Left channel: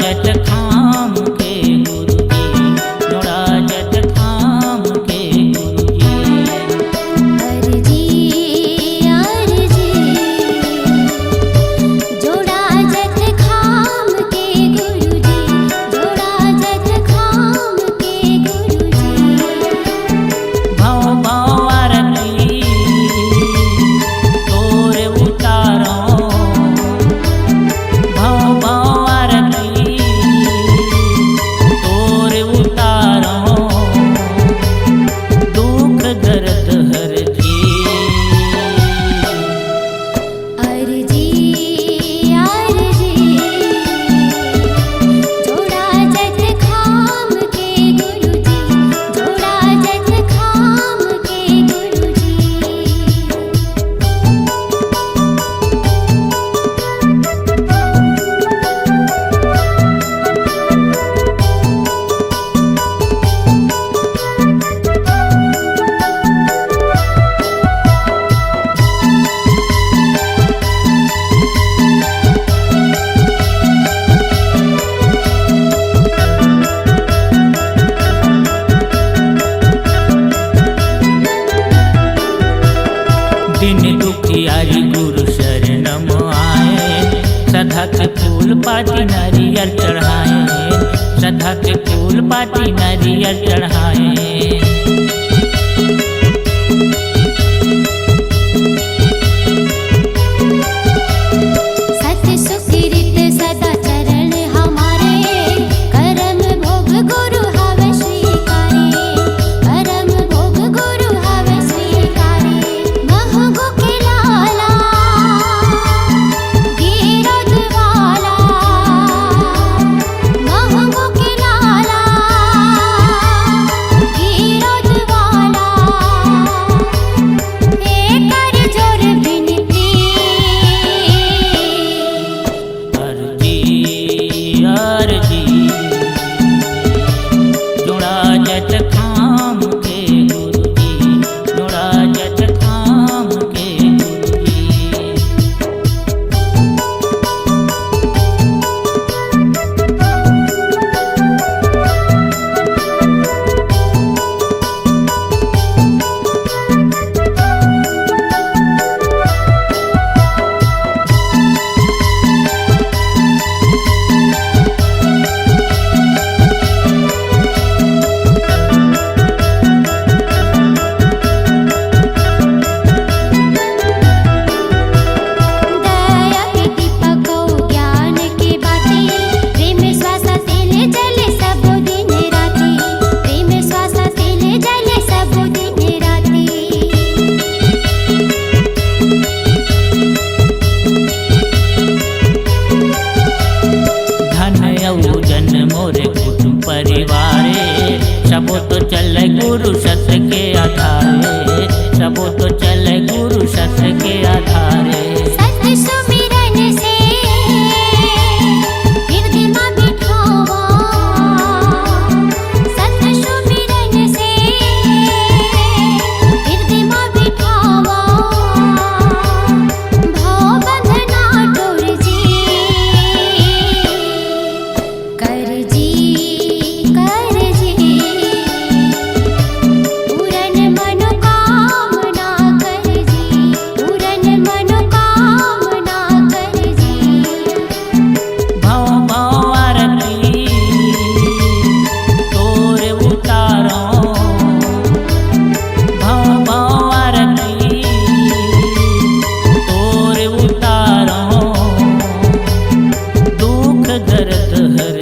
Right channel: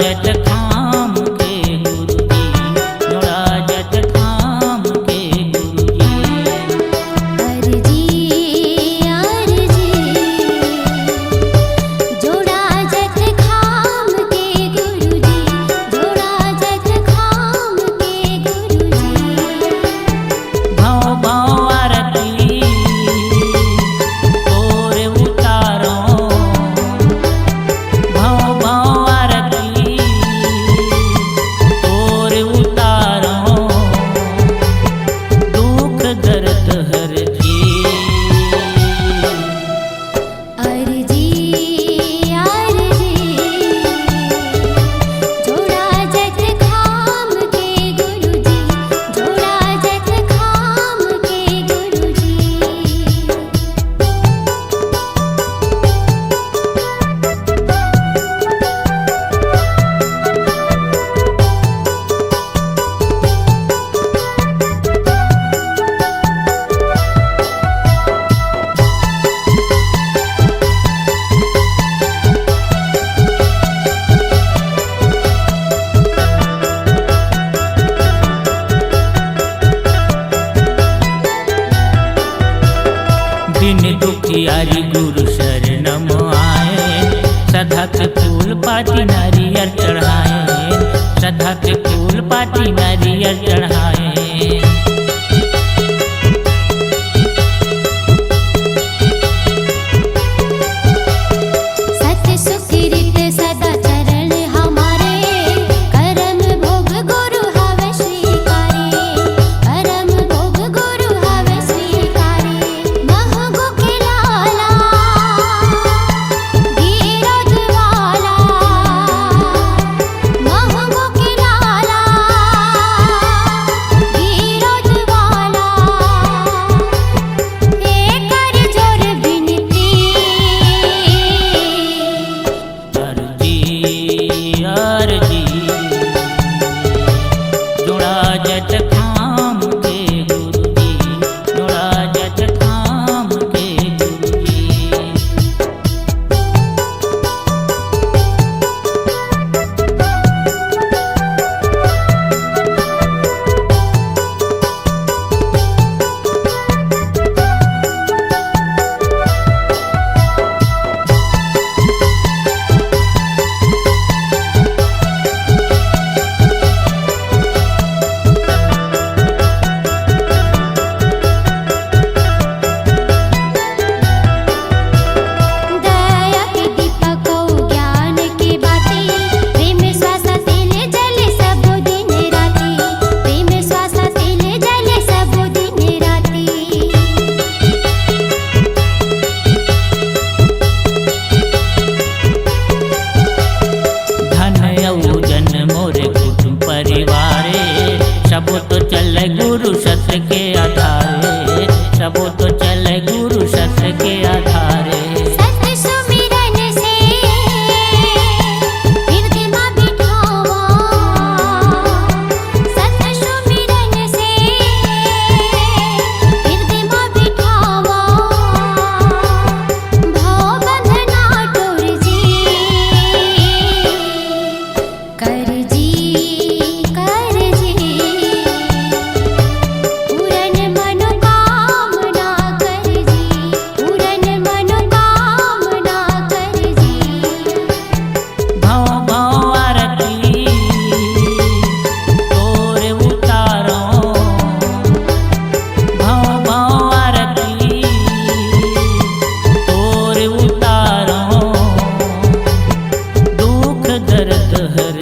जट खाम के गुरुजी, जोड़ा जट खाम के गुरुजी। अर्जी अर्जी जोड़ा जट खाम के गुरुजी, जोड़ा जट खाम के गुरुजी। भव भव आरती तोरे उतारो, भव भव आरती तोरे उतारो, दुख दर्द हर जी। अर्जी अर्जी जोड़ा जट खाम के गुरुजी, जोड़ा जट खाम के गुरुजी। दिन दुखियारी गुरु शरणम आए, सदा के फूल पाती नारियल चढ़ाए, सदा के फूल पाती नारियल चढ़ाए। सत्य सुकृत सदा चरण हमारे, करम भोग गुरु हव स्वीकारे, करम भोग गुरु हव स्वीकारे। महगो के लाला गिरध वाला, महगो के लाला गिरध वाला। एकर जोर बिनती अर्जी अर्जी जोड़ा जट खाम के गुरुजी, जोड़ा जट खाम के गुरुजी। दया के दीपक ज्ञान की बाती, प्रेम श्वासा तेले जले सब दिन राती, प्रेम श्वासा तेले जले सब दिन राती। धन औ जन मोरे कुटुंब परिवारे, सबो तो चले गुरु सत्य के आधारे, सबो तो चले गुरु सत्य के आधारे। सत्य सुमिरन से हृदय में बिठावा, सत्य सुमिरन से हृदय में बिठावा। भव बंधना टोर जी, कर जी पूरन मनोकामना कर जी, पूरन मनोकामना कर जी। भव भव आरती तोरे उतारो, भव भव आरती तोरे उतारो, दुख दर्द हर